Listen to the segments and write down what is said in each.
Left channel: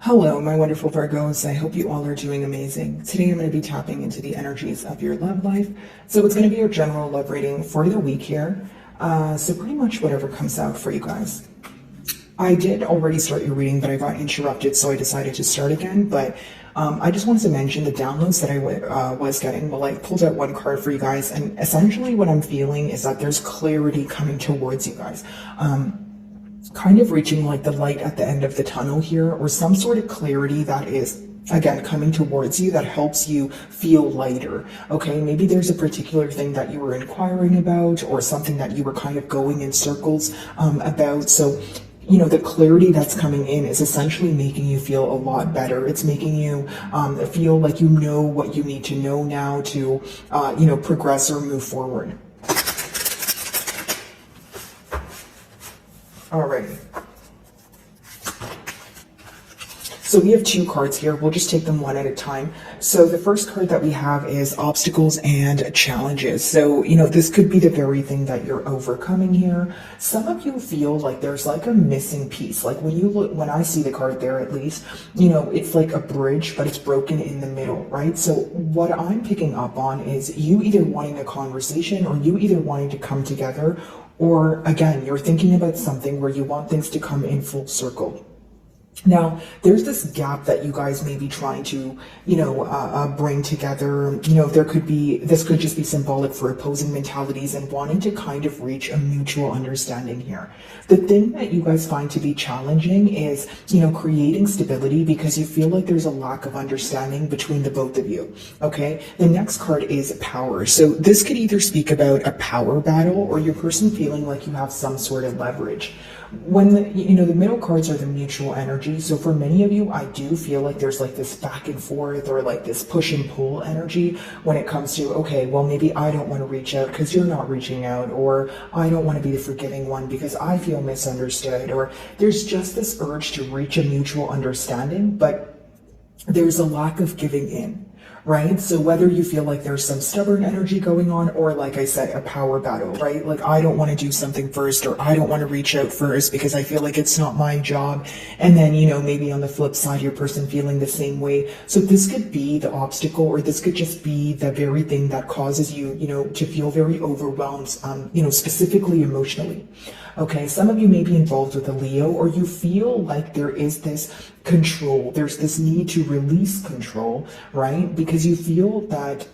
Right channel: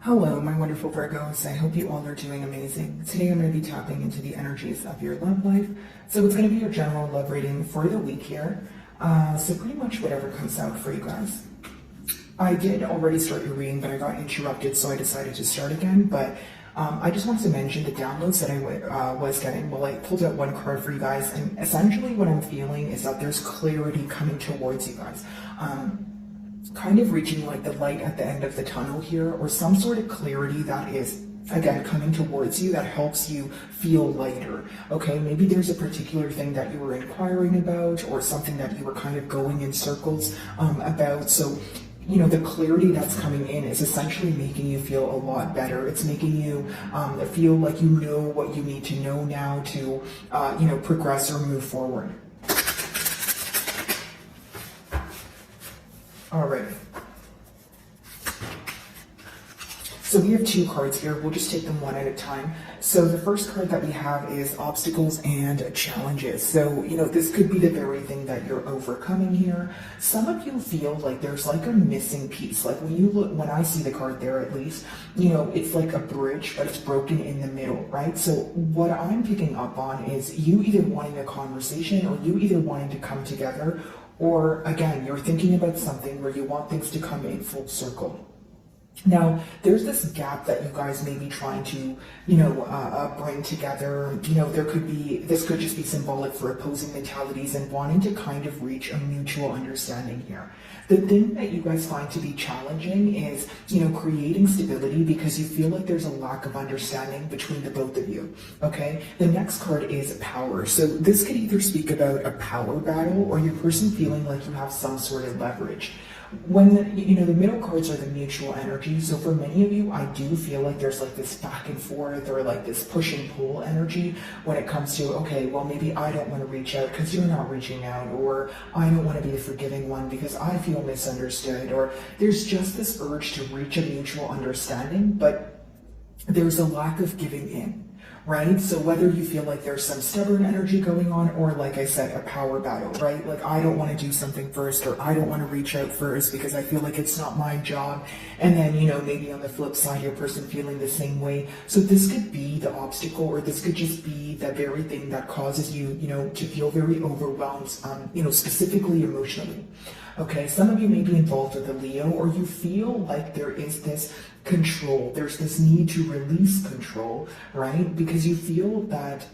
Hello, my wonderful Virgos. I hope you all are doing amazing. Today I'm going to be tapping into the energies of your love life. So it's going to be your general love reading for the week here. So pretty much whatever comes out for you guys. I did already start your reading, but I got interrupted, so I decided to start again. But I just wanted to mention the downloads that I was getting. Well, I pulled out one card for you guys, and essentially what I'm feeling is that there's clarity coming towards you guys. Kind of reaching like the light at the end of the tunnel here, or some sort of clarity that is again coming towards you that helps you feel lighter. Okay, maybe there's a particular thing that you were inquiring about, or something that you were kind of going in circles about. So you know, the clarity that's coming in is essentially making you feel a lot better. It's making you feel like you know what you need to know now to you know, progress or move forward. Alrighty. So we have two cards here. We'll just take them one at a time. So the first card that we have is obstacles and challenges. So, you know, this could be the very thing that you're overcoming here. Some of you feel like there's like a missing piece. Like when you look, when I see the card there, at least, you know, it's like a bridge, but it's broken in the middle, right? So what I'm picking up on is you either wanting a conversation, or you either wanting to come together, or again, you're thinking about something where you want things to come in full circle. Now, there's this gap that you guys may be trying to, you know, bring together. You know, this could just be symbolic for opposing mentalities and wanting to kind of reach a mutual understanding here. The thing that you guys find to be challenging is, you know, creating stability because you feel like there's a lack of understanding between the both of you. Okay. The next card is power. So this could either speak about a power battle, or your person feeling like you have some sort of leverage. When the middle cards are the mutual energy. So for many of you, I do feel like there's like this back and forth, or like this push and pull energy when it comes to, okay, well, maybe I don't want to reach out because you're not reaching out, or I don't want to be the forgiving one because I feel misunderstood, or there's just this urge to reach a mutual understanding, but there's a lack of giving in. Right? So whether you feel like there's some stubborn energy going on, or like I said, a power battle, right? Like I don't want to do something first, or I don't want to reach out first because I feel like it's not my job. And then, you know, maybe on the flip side, your person feeling the same way. So this could be the obstacle, or this could just be the very thing that causes you, you know, to feel very overwhelmed, you know, specifically emotionally. Okay, some of you may be involved with a Leo, or you feel like there is this control. There's this need to release control, right? Because you feel that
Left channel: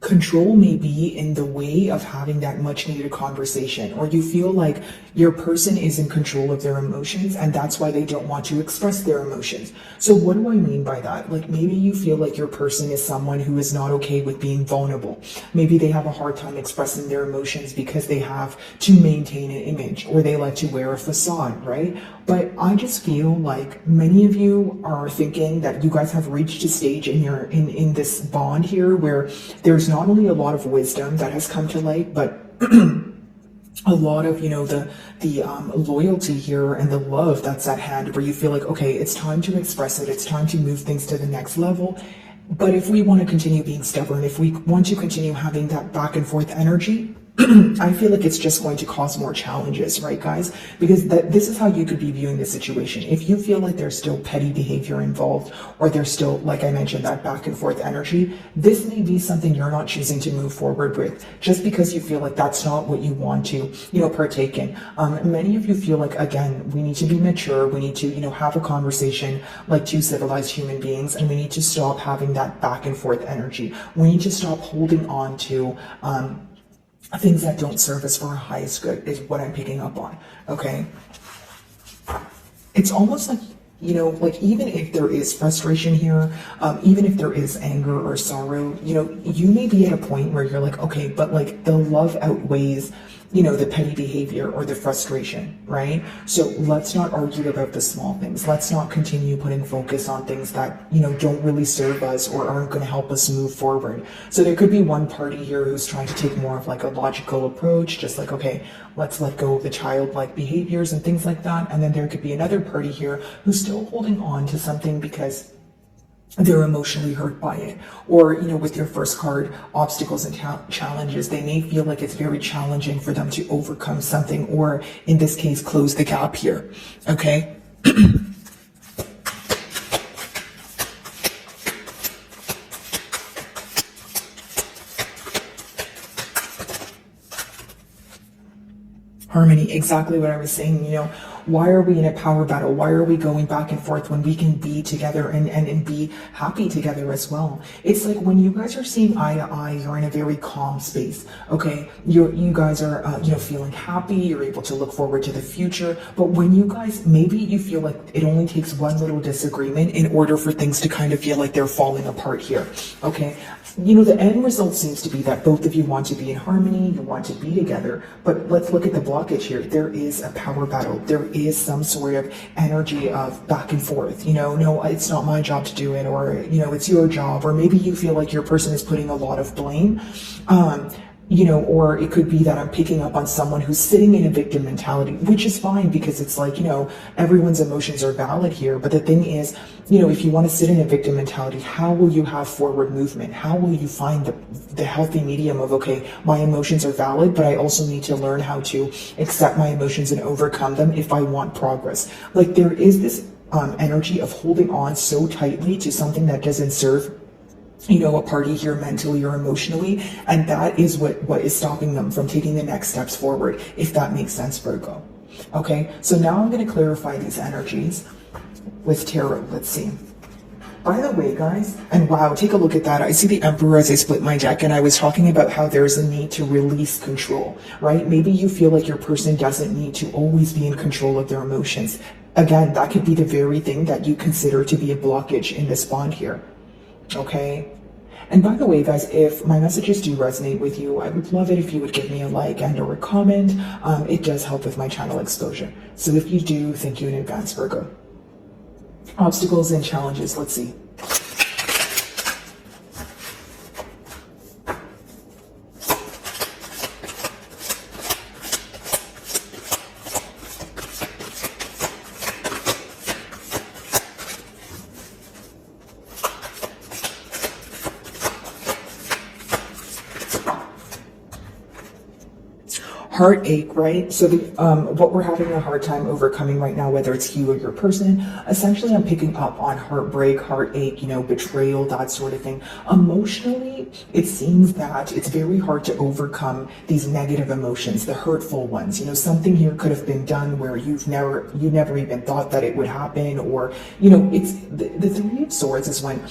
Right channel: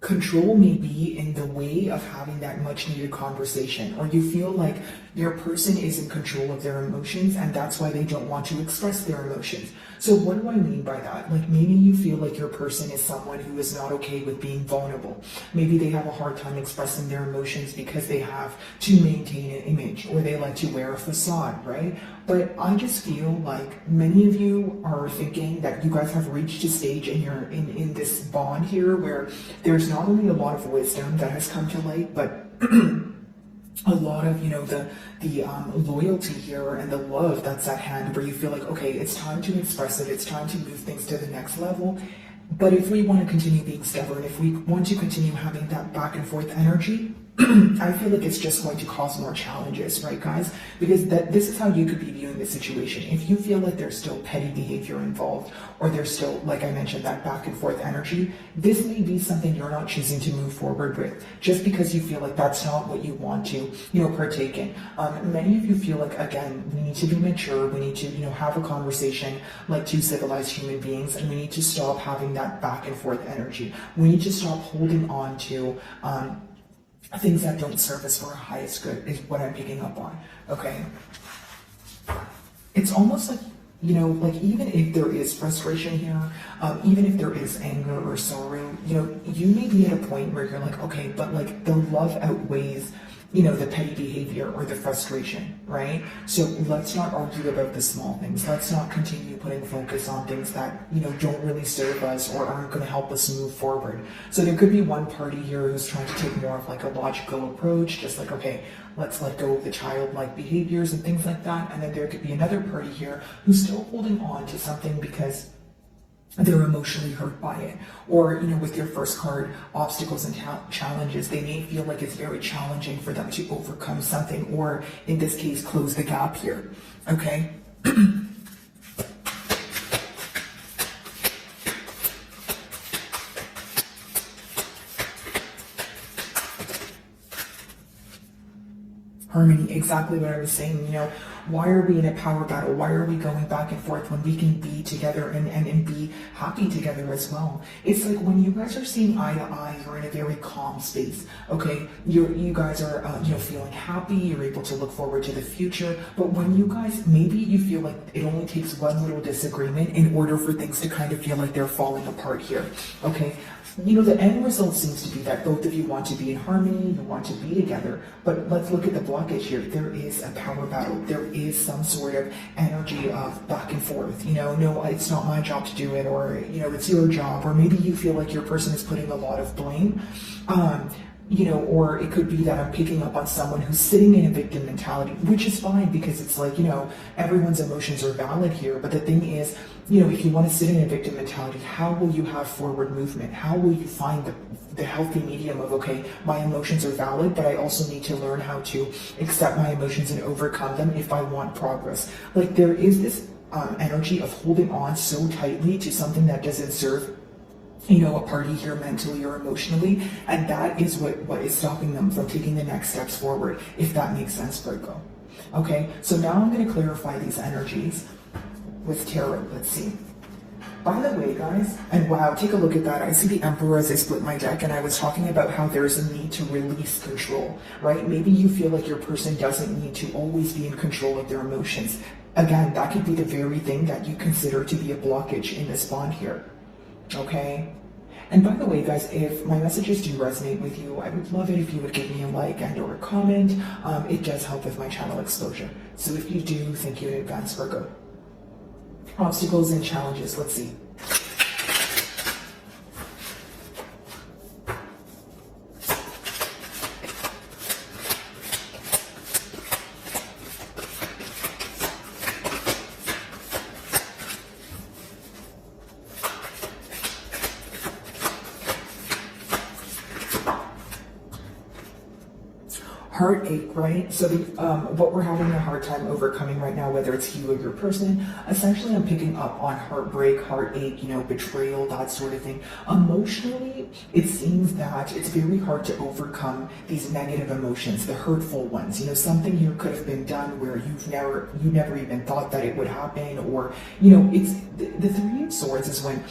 control may be in the way of having that much needed conversation, or you feel like your person is in control of their emotions, and that's why they don't want to express their emotions. So what do I mean by that? Like maybe you feel like your person is someone who is not okay with being vulnerable. Maybe they have a hard time expressing their emotions because they have to maintain an image, or they like to wear a facade, right? But I just feel like many of you are thinking that you guys have reached a stage in your in this bond here where there's not only a lot of wisdom that has come to light, but a lot of, you know, the loyalty here and the love that's at hand, where you feel like, okay, it's time to express it, it's time to move things to the next level. But if we want to continue being stubborn, if we want to continue having that back and forth energy, I feel like it's just going to cause more challenges, right, guys? Because this is how you could be viewing the situation. If you feel like there's still petty behavior involved, or there's still, like I mentioned, that back and forth energy, this may be something you're not choosing to move forward with, just because you feel like that's not what you want to, you know, partake in. Many of you feel like, again, we need to be mature. We need to, you know, have a conversation like two civilized human beings, and we need to stop having that back and forth energy. We need to stop holding on to things that don't serve us for our highest good, is what I'm picking up on. Okay, it's almost like, you know, like even if there is frustration here, even if there is anger or sorrow, you know, you may be at a point where you're like, okay, but like the love outweighs, you know, the petty behavior or the frustration, right? So let's not argue about the small things. Let's not continue putting focus on things that, you know, don't really serve us or aren't going to help us move forward. So there could be one party here who's trying to take more of like a logical approach, just like, okay, let's let go of the childlike behaviors and things like that. And then there could be another party here who's still holding on to something because they're emotionally hurt by it. Or, you know, with your first card, obstacles and challenges, they may feel like it's very challenging for them to overcome something, or in this case, close the gap here. Okay. Harmony, exactly what I was saying. Why are we in a power battle? Why are we going back and forth when we can be together and be happy together as well? It's like when you guys are seeing eye to eye, you're in a very calm space, okay? You guys are, feeling happy. You're able to look forward to the future. But when you guys, maybe you feel like it only takes one little disagreement in order for things to kind of feel like they're falling apart here, okay? The end result seems to be that both of you want to be in harmony, you want to be together, but let's look at the blockage here. There is a power battle. There is some sort of energy of back and forth, no, it's not my job to do it, or, it's your job, or maybe you feel like your person is putting a lot of blame. Or it could be that I'm picking up on someone who's sitting in a victim mentality, which is fine because it's like, everyone's emotions are valid here. But the thing is, if you want to sit in a victim mentality, how will you have forward movement? How will you find the healthy medium of, okay, my emotions are valid, but I also need to learn how to accept my emotions and overcome them if I want progress. Like there is this energy of holding on so tightly to something that doesn't serve a party here mentally or emotionally, and that is what is stopping them from taking the next steps forward, if that makes sense, Virgo. Okay, so now I'm going to clarify these energies with tarot. Let's see. By the way, guys, and wow, take a look at that. I see the Emperor as I split my deck, and I was talking about how there's a need to release control, right? Maybe you feel like your person doesn't need to always be in control of their emotions. Again, that could be the very thing that you consider to be a blockage in this bond here. Okay, and by the way, guys, if my messages do resonate with you, I would love it if you would give me a like and or a comment. It does help with my channel exposure. So if you do, thank you in advance, Virgo. Obstacles and challenges, let's see. Heartache, right? So what we're having a hard time overcoming right now, whether it's you or your person, essentially I'm picking up on heartbreak, heartache, betrayal, that sort of thing. Emotionally, it seems that it's very hard to overcome these negative emotions, the hurtful ones. Something here could have been done where you never even thought that it would happen, or, it's the Three of Swords is when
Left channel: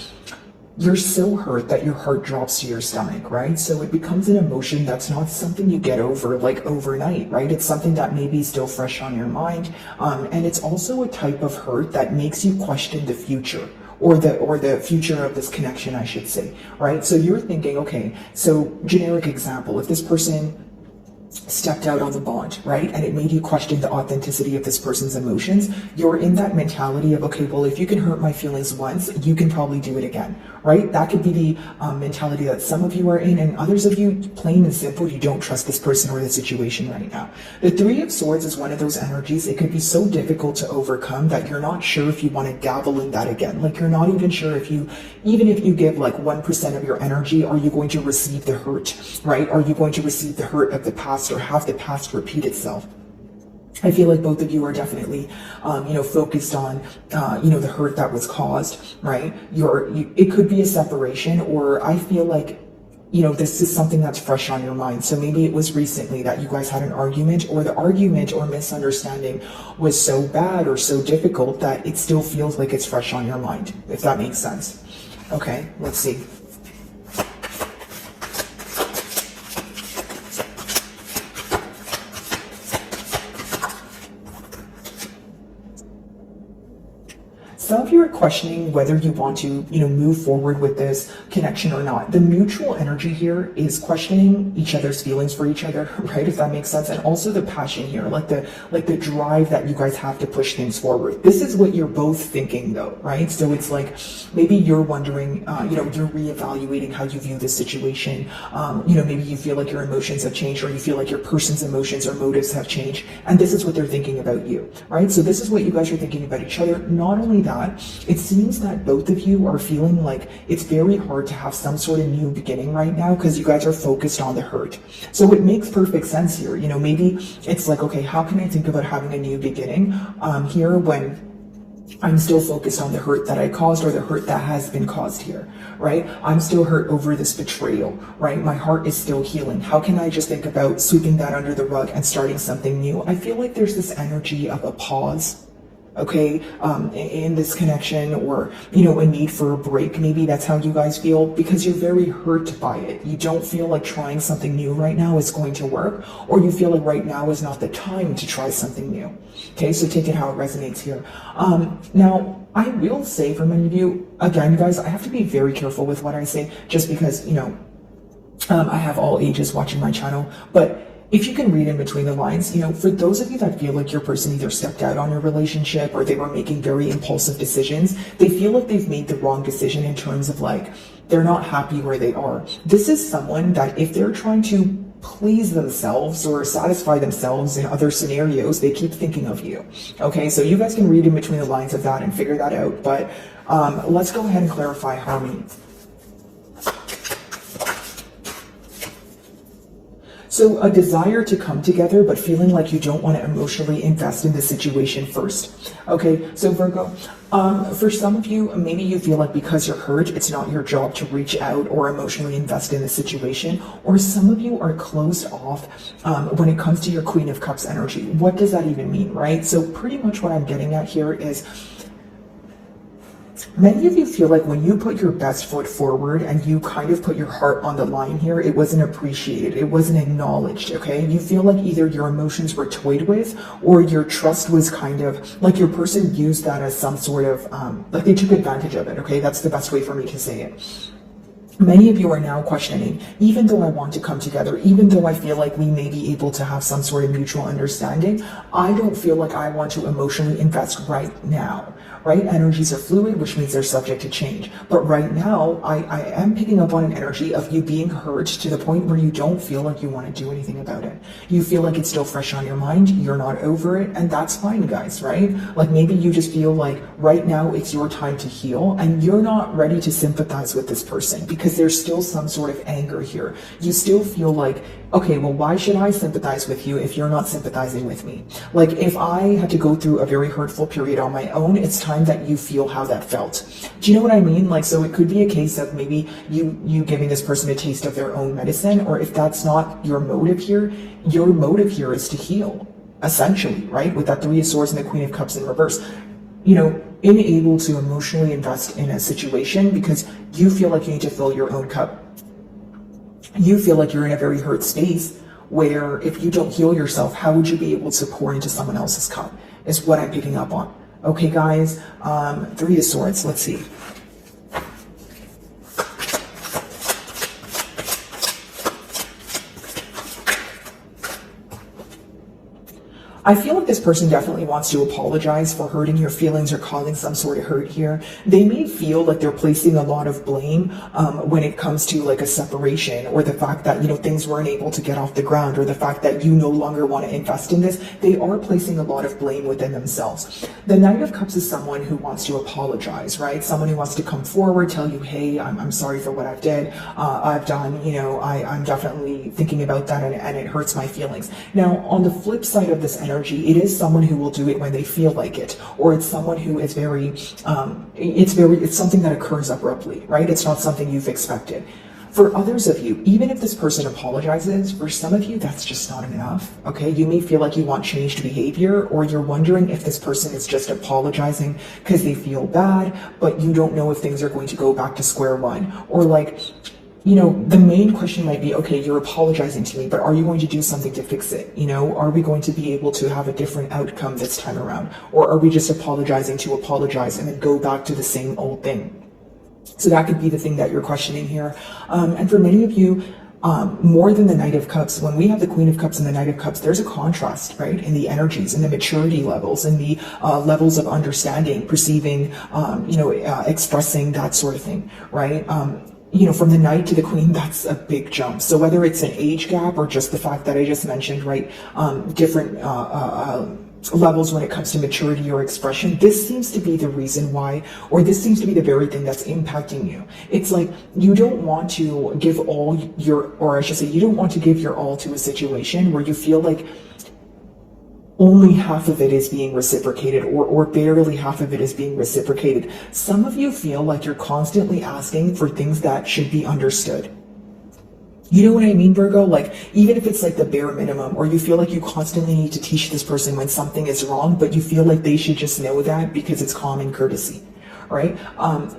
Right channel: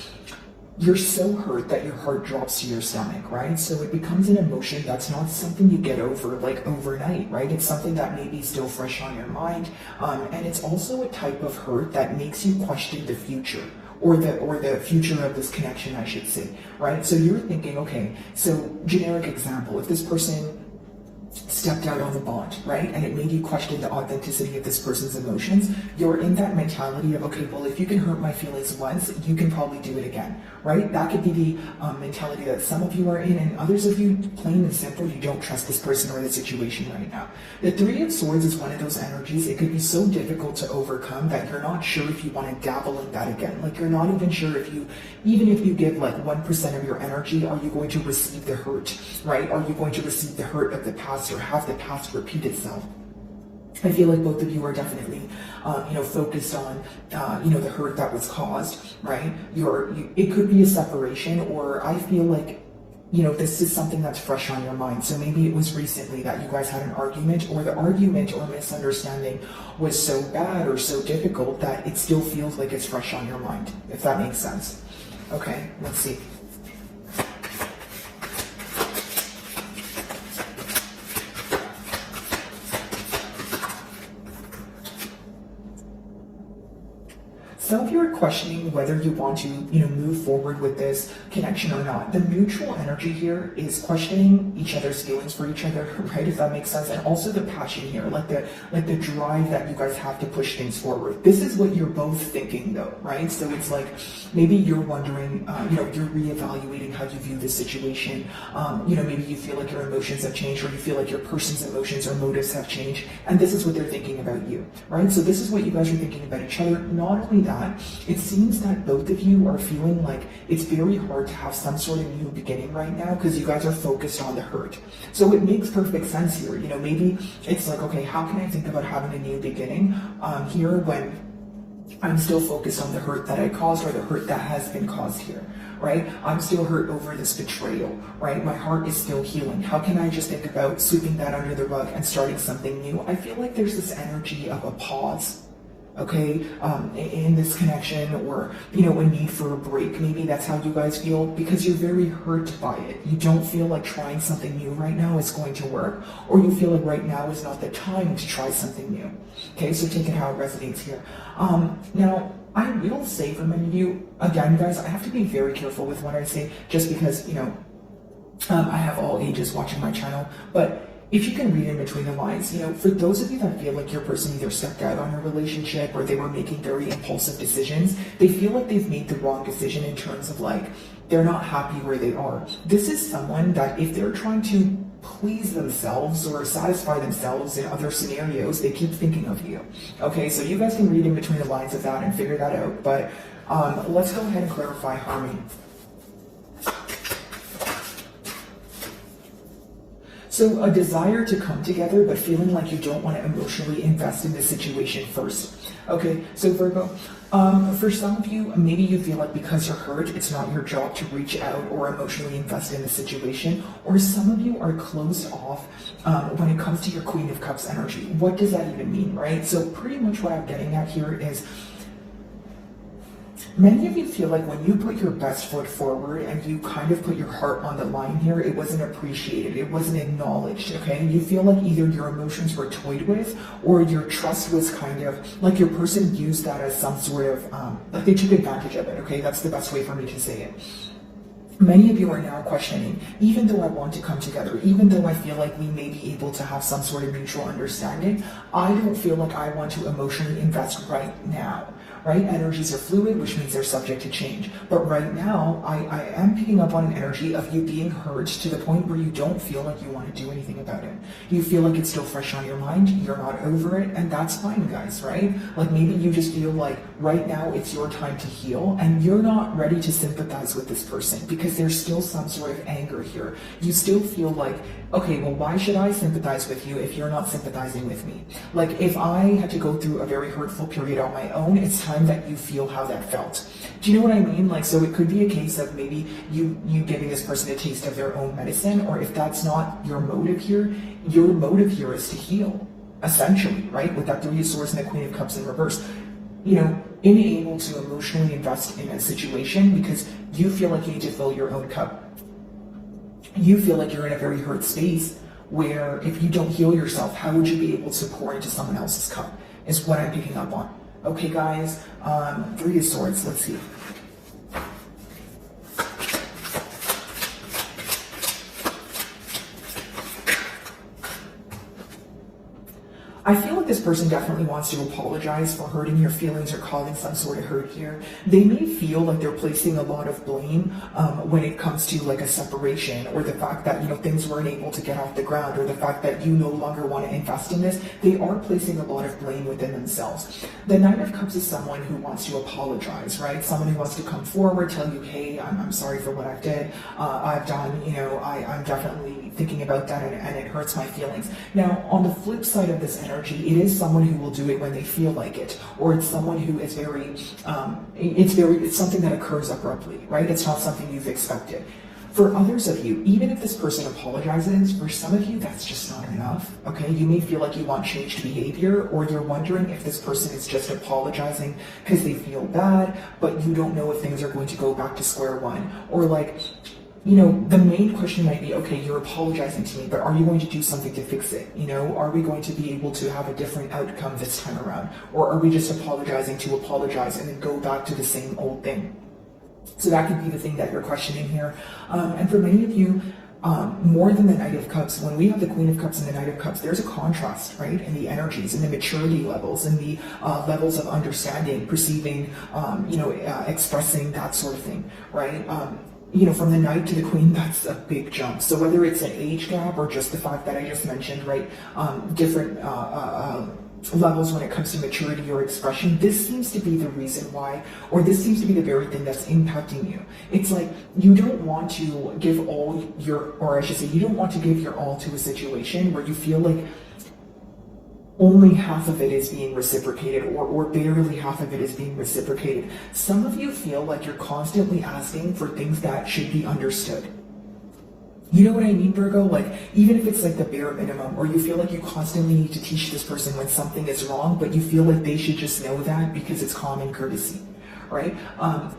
you're so hurt that your heart drops to your stomach, right? So it becomes an emotion that's not something you get over like overnight, right? It's something that may be still fresh on your mind. And it's also a type of hurt that makes you question the future, or the future of this connection, I should say, right? So you're thinking, okay, so generic example, if this person stepped out on the bond, right? And it made you question the authenticity of this person's emotions. You're in that mentality of, okay, well, if you can hurt my feelings once, you can probably do it again, right? That could be the mentality that some of you are in, and others of you, plain and simple, you don't trust this person or the situation right now. The Three of Swords is one of those energies. It could be so difficult to overcome that you're not sure if you want to dabble in that again. Like you're not even sure even if you give like 1% of your energy, are you going to receive the hurt, right? Are you going to receive the hurt of the past or have the past repeat itself? I feel like both of you are definitely, focused on, the hurt that was caused, right? It could be a separation, or I feel like, this is something that's fresh on your mind. So maybe it was recently that you guys had an argument, or the argument or misunderstanding was so bad or so difficult that it still feels like it's fresh on your mind, if that makes sense. Okay, let's see. Some of you are questioning whether you want to, move forward with this connection or not. The mutual energy here is questioning each other's feelings for each other, right? If that makes sense. And also the passion here, like the drive that you guys have to push things forward. This is what you're both thinking though, right? So it's like, maybe you're wondering, you're reevaluating how you view this situation. Maybe you feel like your emotions have changed, or you feel like your person's emotions or motives have changed. And this is what they're thinking about you, right? So this is what you guys are thinking about each other. Not only that, it seems that both of you are feeling like it's very hard to have some sort of new beginning right now because you guys are focused on the hurt. So it makes perfect sense here. Maybe it's like, okay, how can I think about having a new beginning here when I'm still focused on the hurt that I caused or the hurt that has been caused here, right? I'm still hurt over this betrayal, right? My heart is still healing. How can I just think about sweeping that under the rug and starting something new? I feel like there's this energy of a pause, okay, in this connection, or, you know, a need for a break. Maybe that's how you guys feel, because you're very hurt by it. You don't feel like trying something new right now is going to work, or you feel like right now is not the time to try something new. Okay, so take it how it resonates here. Now, I will say for many of you, again, guys, I have to be very careful with what I say, just because, you know, I have all ages watching my channel, but if you can read in between the lines, you know, for those of you that feel like your person either stepped out on your relationship or they were making very impulsive decisions, they feel like they've made the wrong decision in terms of like, they're not happy where they are. This is someone that if they're trying to please themselves or satisfy themselves in other scenarios, they keep thinking of you. Okay, so you guys can read in between the lines of that and figure that out. But let's go ahead and clarify harmony. So a desire to come together, but feeling like you don't want to emotionally invest in the situation first. Okay, so Virgo, for some of you, maybe you feel like because you're hurt, it's not your job to reach out or emotionally invest in the situation. Or some of you are closed off when it comes to your Queen of Cups energy. What does that even mean, right? So pretty much what I'm getting at here is, many of you feel like when you put your best foot forward and you kind of put your heart on the line here, it wasn't appreciated, it wasn't acknowledged, okay? You feel like either your emotions were toyed with, or your trust was kind of, like your person used that as some sort of, like they took advantage of it, okay? That's the best way for me to say it. Many of you are now questioning, even though I want to come together, even though I feel like we may be able to have some sort of mutual understanding, I don't feel like I want to emotionally invest right now. Right? Energies are fluid, which means they're subject to change. But right now, I am picking up on an energy of you being hurt to the point where you don't feel like you want to do anything about it. You feel like it's still fresh on your mind, you're not over it, and that's fine, guys, right? Like maybe you just feel like right now it's your time to heal, and you're not ready to sympathize with this person because there's still some sort of anger here. You still feel like, okay, well, why should I sympathize with you if you're not sympathizing with me? Like, if I had to go through a very hurtful period on my own, it's time that you feel how that felt. Do you know what I mean? Like, so it could be a case of maybe you giving this person a taste of their own medicine, or if that's not your motive here, your motive here is to heal, essentially, right? With that Three of Swords and the Queen of Cups in reverse. You know, unable to emotionally invest in a situation because you feel like you need to fill your own cup. You feel like you're in a very hurt space where if you don't heal yourself, how would you be able to pour into someone else's cup, is what I'm picking up on. Okay, guys, Three of Swords, let's see. I feel like this person definitely wants to apologize for hurting your feelings or causing some sort of hurt here. They may feel like they're placing a lot of blame when it comes to like a separation, or the fact that, you know, things weren't able to get off the ground, or the fact that you no longer want to invest in this. They are placing a lot of blame within themselves. The Knight of Cups is someone who wants to apologize, right? Someone who wants to come forward, tell you, hey, I'm sorry for what I've done, you know, I'm definitely thinking about that, and it hurts my feelings. Now, on the flip side of this energy, it is someone who will do it when they feel like it, or it's someone who is very, it's something that occurs abruptly, right? It's not something you've expected. For others of you, even if this person apologizes, for some of you, that's just not enough, okay? You may feel like you want changed behavior, or you're wondering if this person is just apologizing because they feel bad, but you don't know if things are going to go back to square one. Or like, you know, the main question might be, okay, you're apologizing to me, but are you going to do something to fix it? You know, are we going to be able to have a different outcome this time around? Or are we just apologizing to apologize and then go back to the same old thing? So that could be the thing that you're questioning here. And for many of you, more than the Knight of Cups, when we have the Queen of Cups and the Knight of Cups, there's a contrast, right, in the energies, in the maturity levels, in the levels of understanding, perceiving, expressing, that sort of thing, right? You know, from the Knight to the Queen, that's a big jump. So whether it's an age gap or just the fact that I just mentioned, right, different levels when it comes to maturity or expression, this seems to be the reason why, or this seems to be the very thing that's impacting you. It's like you don't want to give all your, or I should say, you don't want to give your all to a situation where you feel only half of it is being reciprocated, or barely half of it is being reciprocated. Some of you feel like you're constantly asking for things that should be understood. You know what I mean, Virgo? Like, even if it's like the bare minimum, or you feel like you constantly need to teach this person when something is wrong, but you feel like they should just know that because it's common courtesy. Right?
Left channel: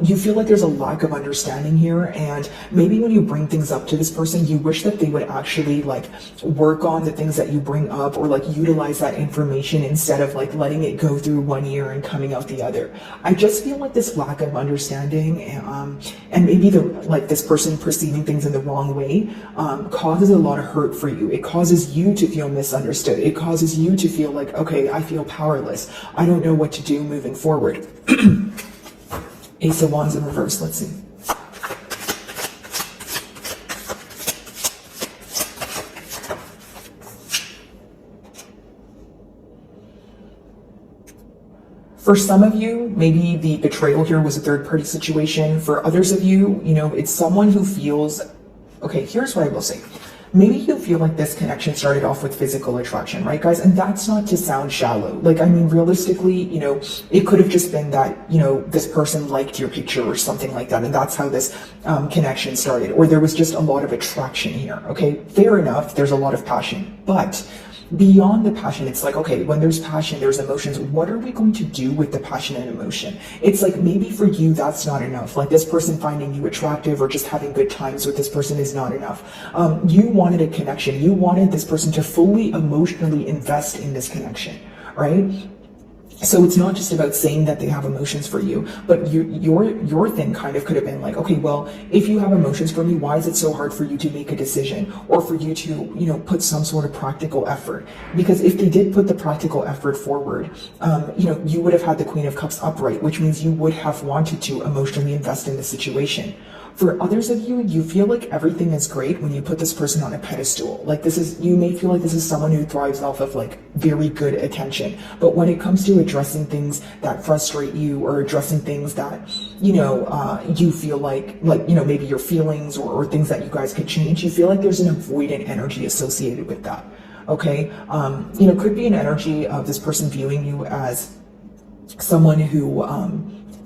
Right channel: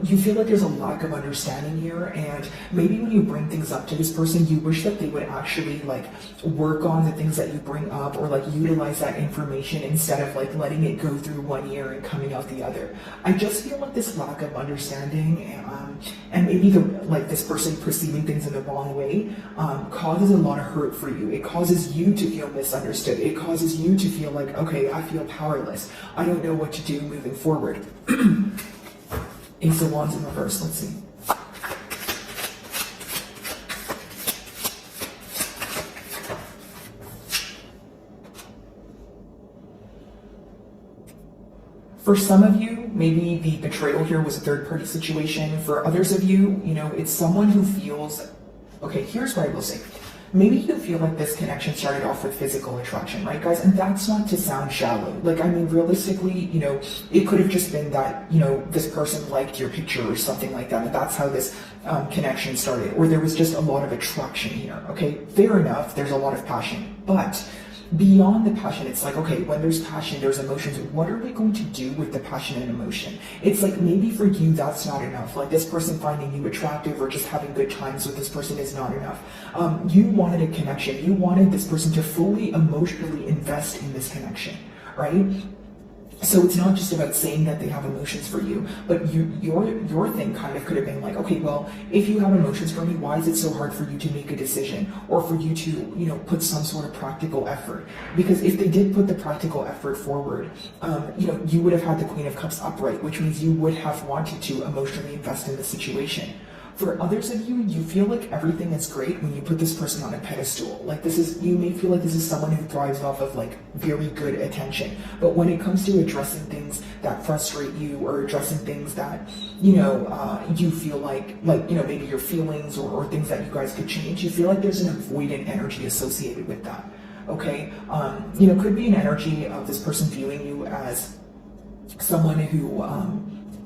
You feel like there's a lack of understanding here, and maybe when you bring things up to this person, you wish that they would actually like work on the things that you bring up, or like utilize that information instead of like letting it go through one ear and coming out the other. I just feel like this lack of understanding, and maybe this person perceiving things in the wrong way causes a lot of hurt for you. It causes you to feel misunderstood. It causes you to feel like, okay, I feel powerless. I don't know what to do moving forward. Ace of Wands in reverse, let's see. For some of you, maybe the betrayal here was a third-party situation. For others of you, you know, it's someone who feels, okay, here's what I will say. Maybe you feel like this connection started off with physical attraction, right, guys? And that's not to sound shallow. Like, I mean, realistically, you know, it could have just been that, you know, this person liked your picture or something like that, and that's how this connection started. Or there was just a lot of attraction here, okay? Fair enough, there's a lot of passion. But beyond the passion, it's like, okay, when there's passion, there's emotions. What are we going to do with the passion and emotion? It's like, maybe for you, that's not enough. Like, this person finding you attractive or just having good times with this person is not enough. You wanted a connection. You wanted this person to fully emotionally invest in this connection, right? So it's not just about saying that they have emotions for you, but your thing kind of could have been like, okay, well, if you have emotions for me, why is it so hard for you to make a decision, or for you to, you know, put some sort of practical effort? Because if they did put the practical effort forward, you know, you would have had the Queen of Cups upright, which means you would have wanted to emotionally invest in the situation. For others of you, you feel like everything is great when you put this person on a pedestal. Like, you may feel like this is someone who thrives off of like very good attention. But when it comes to addressing things that frustrate you, or addressing things that, you know, you feel like, you know, maybe your feelings, or things that you guys could change, you feel like there's an avoidant energy associated with that. Okay? You know, could be an energy of this person viewing you as someone who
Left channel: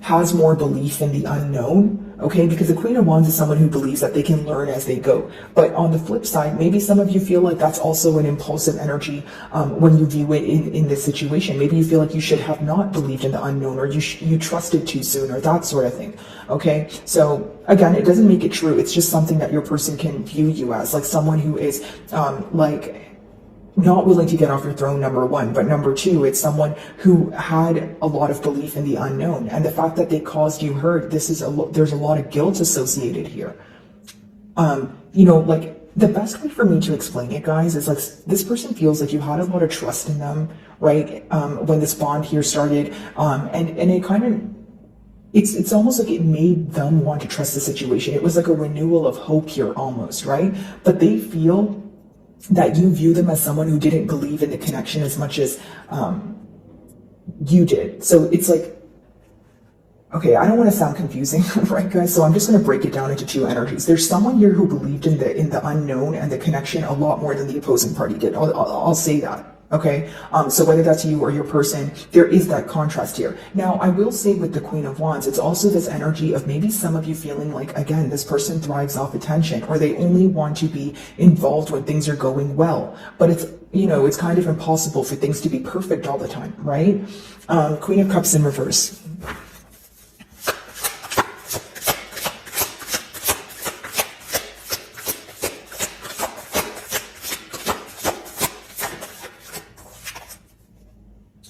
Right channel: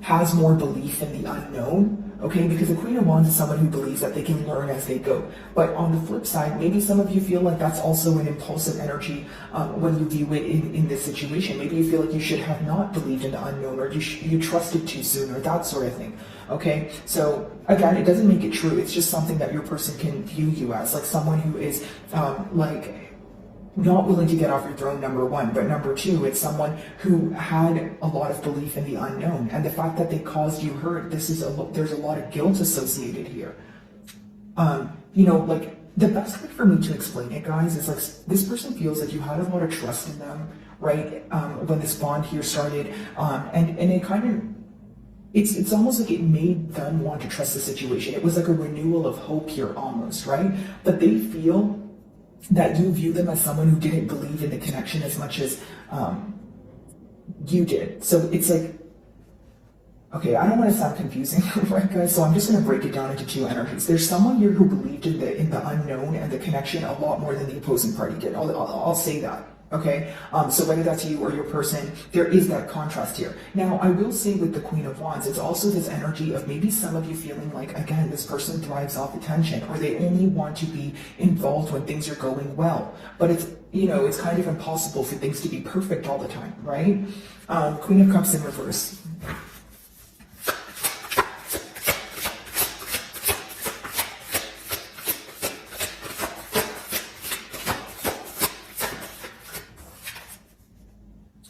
has more belief in the unknown. Okay, because the Queen of Wands is someone who believes that they can learn as they go. But on the flip side, maybe some of you feel like that's also an impulsive energy when you view it in this situation. Maybe you feel like you should have not believed in the unknown, or you trusted too soon, or that sort of thing. Okay, so again, it doesn't make it true. It's just something that your person can view you as, like someone who is like not willing to get off your throne, number one, but number two, it's someone who had a lot of belief in the unknown, and the fact that they caused you hurt, there's a lot of guilt associated here. You know, like, the best way for me to explain it, guys, is like, this person feels like you had a lot of trust in them, right? When this bond here started, and it kind of, it's almost like it made them want to trust the situation. It was like a renewal of hope here almost, right? But they feel that you view them as someone who didn't believe in the connection as much as you did. So it's like, okay, I don't want to sound confusing, right, guys? So I'm just going to break it down into two energies. There's someone here who believed in the unknown and the connection a lot more than the opposing party did. I'll say that. Okay, so whether that's you or your person, there is that contrast here. Now, I will say with the Queen of Wands, it's also this energy of maybe some of you feeling like, again, this person thrives off attention, or they only want to be involved when things are going well. But it's, you know, it's kind of impossible for things to be perfect all the time, right? Queen of Cups in reverse.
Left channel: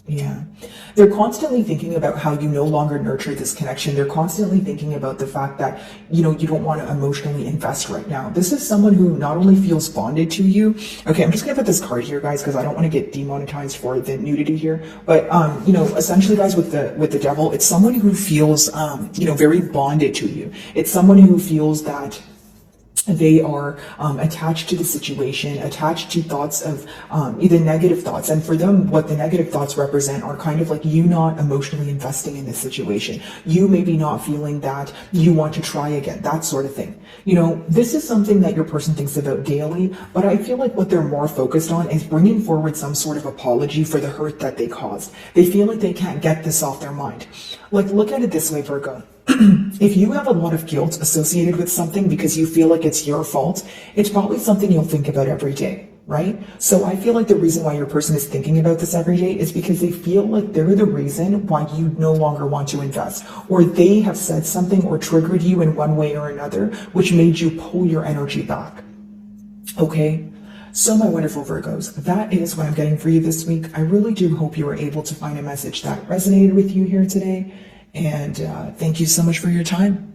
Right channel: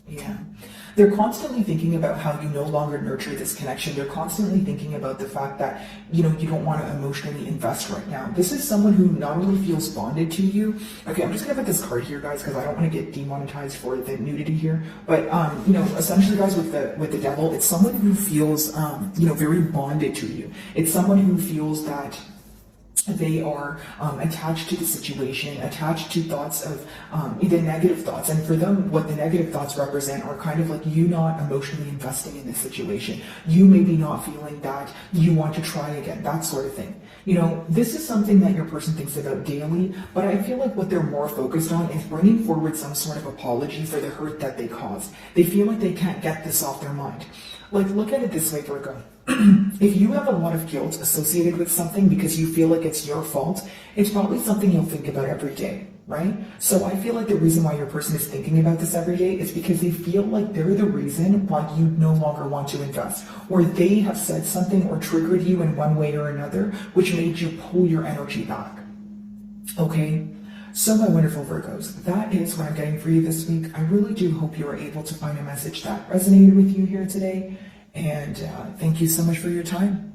Yeah. They're constantly thinking about how you no longer nurture this connection. They're constantly thinking about the fact that, you know, you don't want to emotionally invest right now. This is someone who not only feels bonded to you. Okay, I'm just going to put this card here, guys, because I don't want to get demonetized for the nudity here. But, you know, essentially, guys, with the devil, it's someone who feels, you know, very bonded to you. It's someone who feels that They are attached to the situation, attached to thoughts of either negative thoughts. And for them, what the negative thoughts represent are kind of like you not emotionally investing in this situation. You maybe not feeling that you want to try again, that sort of thing. You know, this is something that your person thinks about daily, but I feel like what they're more focused on is bringing forward some sort of apology for the hurt that they caused. They feel like they can't get this off their mind. Like, look at it this way, Virgo. If you have a lot of guilt associated with something because you feel like it's your fault, it's probably something you'll think about every day, right? So I feel like the reason why your person is thinking about this every day is because they feel like they're the reason why you no longer want to invest, or they have said something or triggered you in one way or another, which made you pull your energy back. Okay? So my wonderful Virgos, that is what I'm getting for you this week. I really do hope you were able to find a message that resonated with you here today. And thank you so much for your time.